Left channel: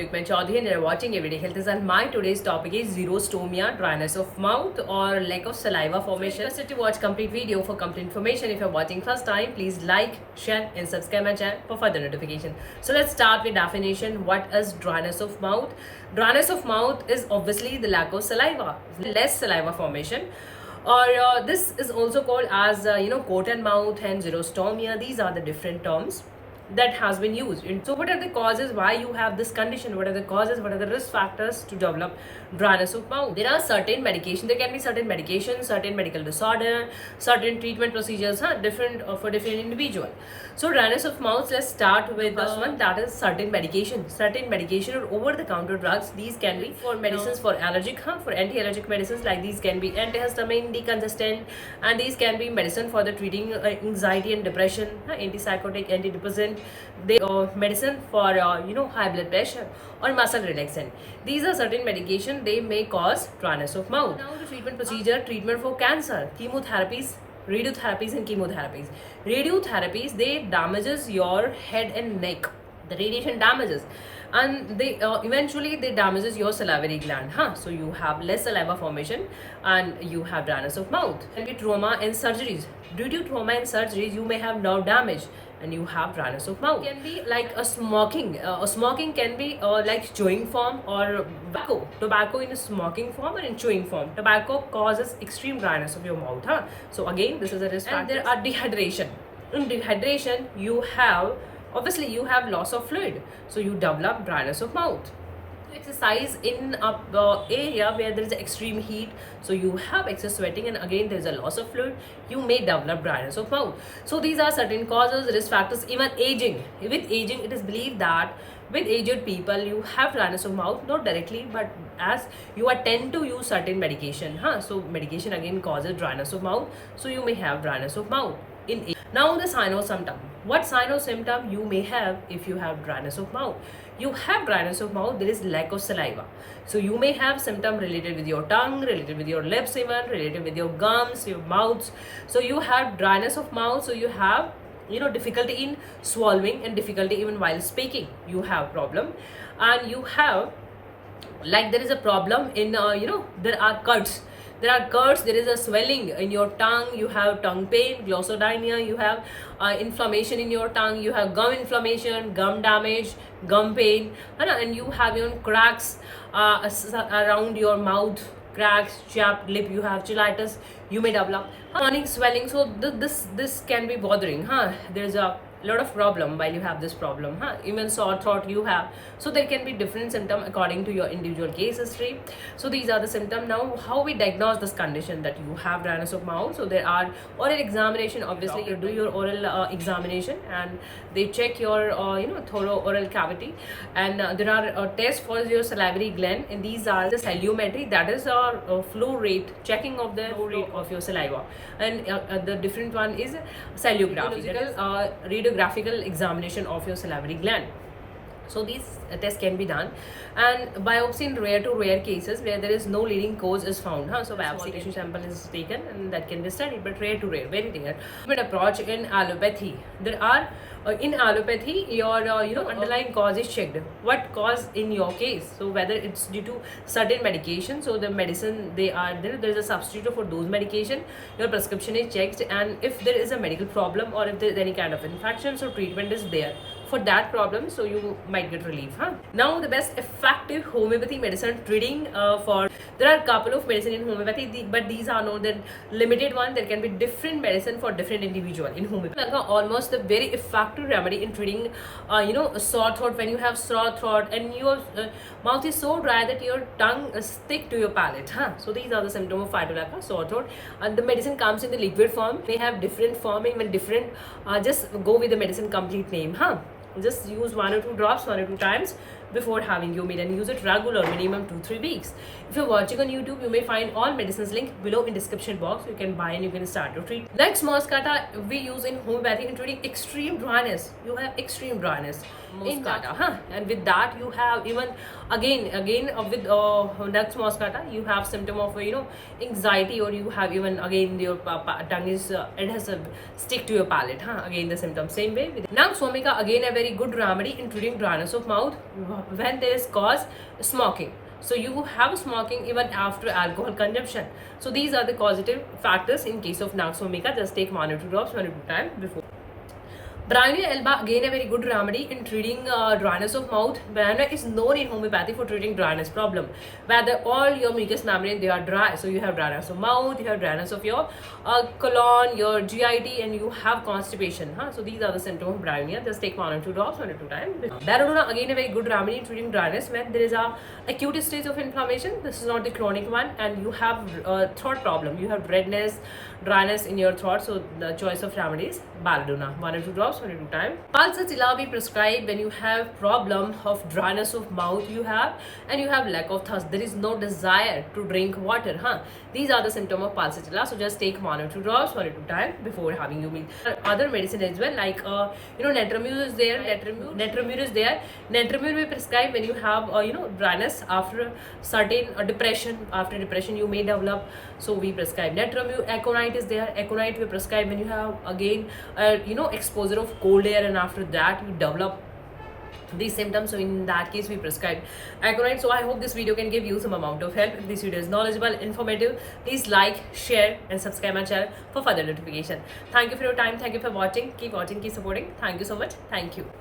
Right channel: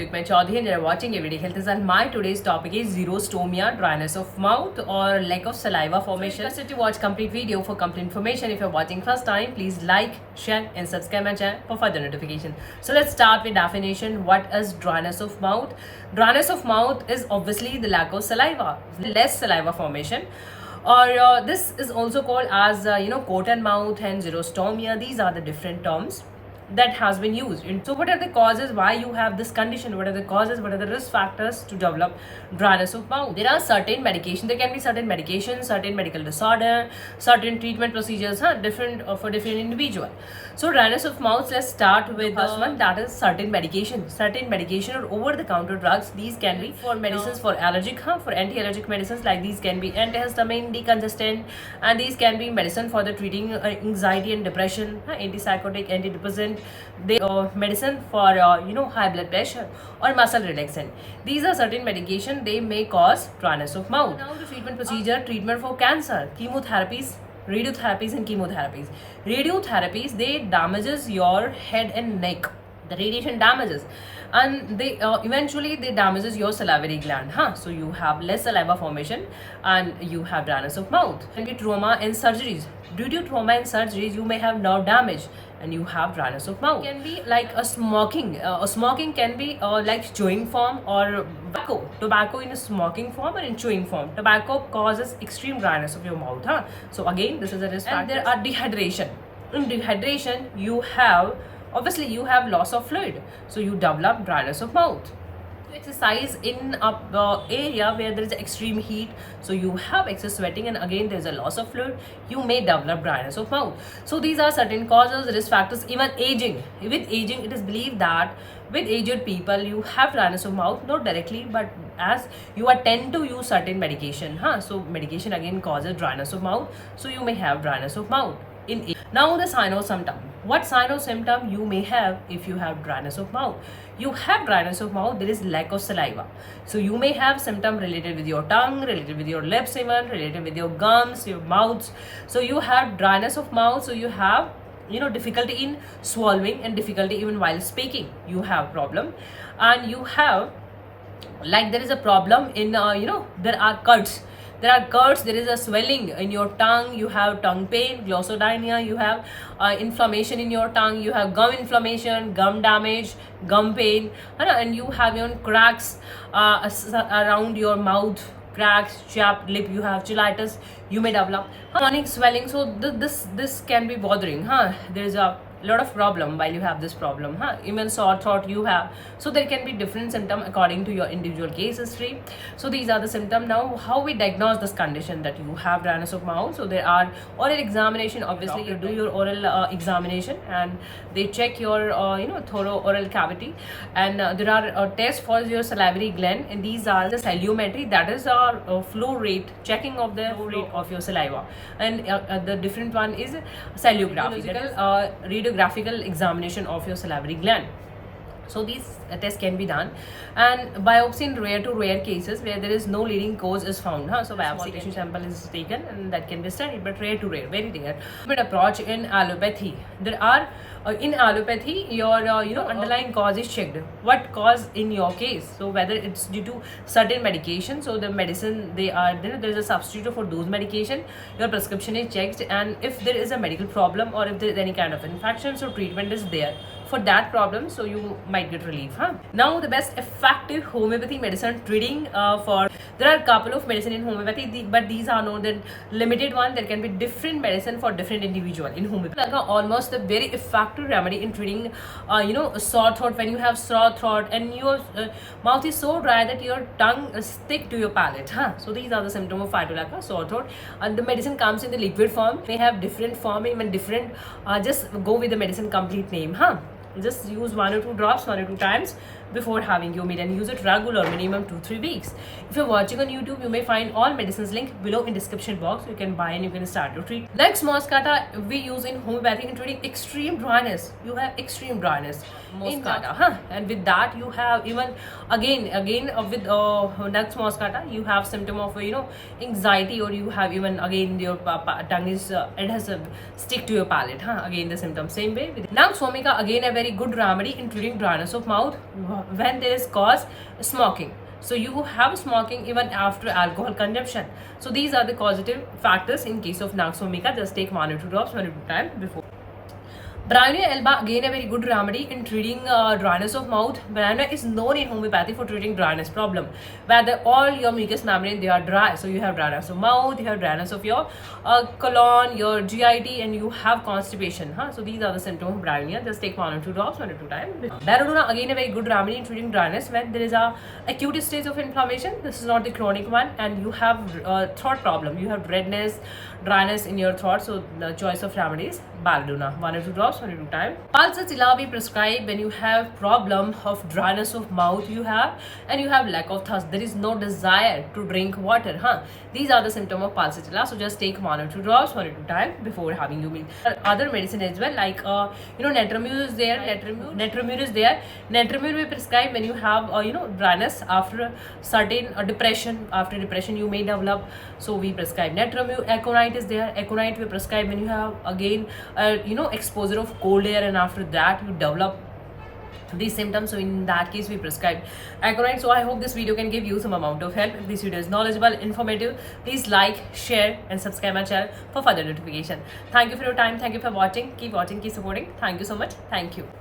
Yukman Chaudhary and you're watching Everyday Health is and my today's topic is xerostomia, dryness of mouth or lack of saliva formation. Requested to watch complete video for complete information. If you're watching first time, please like, share and subscribe my channel for further notification. So let's start with definition. What is dryness of mouth? Dryness of mouth is obviously the lack of saliva, less saliva formation. Or this is also called as coat and mouth and xerostomia. These are the different terms that has been used. And so what are the causes why you have this condition? What are the causes? What are the risk factors to develop dryness of mouth? There are certain medication. There can be certain medications, certain medical disorder, certain treatment procedures, different for different individual. So dryness of mouth, let's start with the first one, that is certain medication. Certain medication or over-the-counter drugs. These can be for medicines for allergic, for anti-allergic medicines, like these can be antihistamine, decongestant, and these can be medicine for the treating anxiety and depression, antipsychotic, antidepressant. They medicine for high blood pressure or muscle relaxant. These are certain medication. They may cause dryness of mouth. Now the treatment procedure, treatment for cancer, chemotherapies, radiotherapies and chemotherapies. Radiotherapies, they damages your head and neck. The radiation damages and they eventually they damages your salivary gland, so you have less saliva formation and you have dryness of mouth. Can be trauma and surgeries. Due to trauma and surgeries, you may have nerve damage and you have dryness of mouth. Can be like a smoking. Smoking can be like chewing form or tobacco in a smoking form or in chewing form. Tobacco causes extreme dryness of your mouth, so again this is a risk factor. And there are dehydration. In dehydration, you have obviously you have loss of fluid, so you develop dryness of mouth. Exercise in a area where there is extreme heat, so you have excess sweating and again there is a loss of fluid, you may develop dryness of mouth. So these are certain causes, risk factors. Even aging, with aging it is believed that with aged people you have dryness of mouth, not directly but as you are tend to use certain medication, so medication again causes dryness of mouth, so you may have dryness of mouth in age. Now the sign or symptom. What sign or symptom you may have if you have dryness of mouth? You have dryness of mouth, there is lack of saliva. So you may have symptom related with your tongue, related with your lips, even related with your gums, your mouths. So you have dryness of mouth, so you have difficulty in swallowing and difficulty even while speaking. You have problem, and you have like there is a problem in there are cuts. There are cuts, there is a swelling in your tongue, you have tongue pain, glossodynia, you have inflammation in your tongue, you have gum inflammation, gum damage, gum pain, and you have even cracks around your mouth, cracks, chapped lip, you have cheilitis, you may develop chronic swelling. So this can be bothering, there is a lot of problem while you have this problem, even sore throat you have. So there can be different symptom according to your individual case history. So these are the symptoms. Now how we diagnose this condition that you have dryness of mouth? So there are oral examination. Obviously you do your oral examination and they check your thorough oral cavity, and there are tests for your salivary gland, and these are the saliometry, that is flow rate, checking of the flow rate of your saliva, and the different one is saliography, that is radiographical examination of your salivary gland. So these tests can be done, and biopsy in rare to rare cases where there is no leading cause is found, so biopsy sample is taken and that can be studied, but rare to rare, very rare. But approach in allopathy, there are in allopathy your underlying cause is checked. What cause in your case? So whether it's due to certain medication, so the medicine they are there is a substitute for those medication, your prescription is checked, and if there is a medical problem or if there is any kind of infection, so treatment is there for that problem, so you might get relief. Now the best effective homeopathy medicine treating for, there are a couple of medicine in homeopathy, but these are not the limited one. There can be different medicine for different individual in homeopathy. Almost a very effective remedy in treating sore throat. When you have sore throat and your mouth is so dry that your tongue stick to your palate, so these are the symptoms of phytolacca, sore throat, and the medicine comes in the liquid form. They have different form, even different, just go with the medicine complete name, just use 1 or 2 drops 1 or 2 times before having your meal, and use it regular, minimum 2-3 weeks. If you're watching on YouTube, you may find all medicines link below in description box. You can buy and you can start your treatment. Lex moscata we use in homeopathy in treating extreme dryness. You have extreme dryness moscata, and with that you have even again with Lex moscata you have symptom of anxiety, or you have even again your tongue is it has a stick to your palate, again the symptom. Same way with Nag Vomica, again a very good remedy in treating dryness of mouth. when there is cause smoking. So you have smoking even after alcohol consumption. So these are the causative factors in case of Naxxomica. Just take 1 or 2 drops 1 or 2 times before. Bryonia alba, again a very good remedy in treating dryness of mouth. Bryonia is known in homeopathy for treating dryness problem, whether all your mucous membrane they are dry. So you have dryness of mouth, you have dryness of your colon, your GIT, and you have constipation. So these are the symptoms of Bryonia. Just take 1 or 2 drops 1 or 2 times. Belladonna, again a very good remedy in treating dryness when there is a acute stage of inflammation. This is not the chronic one, and you have throat problem. You have redness, dryness in your throat. So the choice of remedy is Belladonna. 1 or 2 drops 1 or 2 times. Palsatilla we prescribe when you have problem of dryness of mouth and you have lack of thirst. There is no desire to drink water. These are the symptoms of Palsatilla. So just take 1 or 2 drops 1 or 2 times before having your meal. Other medicine as well, like Netramur is there. Netramur is there. Netramur we prescribe when you have dryness after certain depression. After depression you may develop. So we prescribe Netramur. Aconite is there. Aconite we prescribe when you have again exposure of cold air, and after that you develop these symptoms. So in that case we prescribe Aconite. So I hope this video can give you some amount of help. If this video is knowledgeable, informative, please like, share and subscribe my channel for further notification. Thank you for your time. Thank you for watching. Keep watching, keep supporting. Thank you so much. Thank you.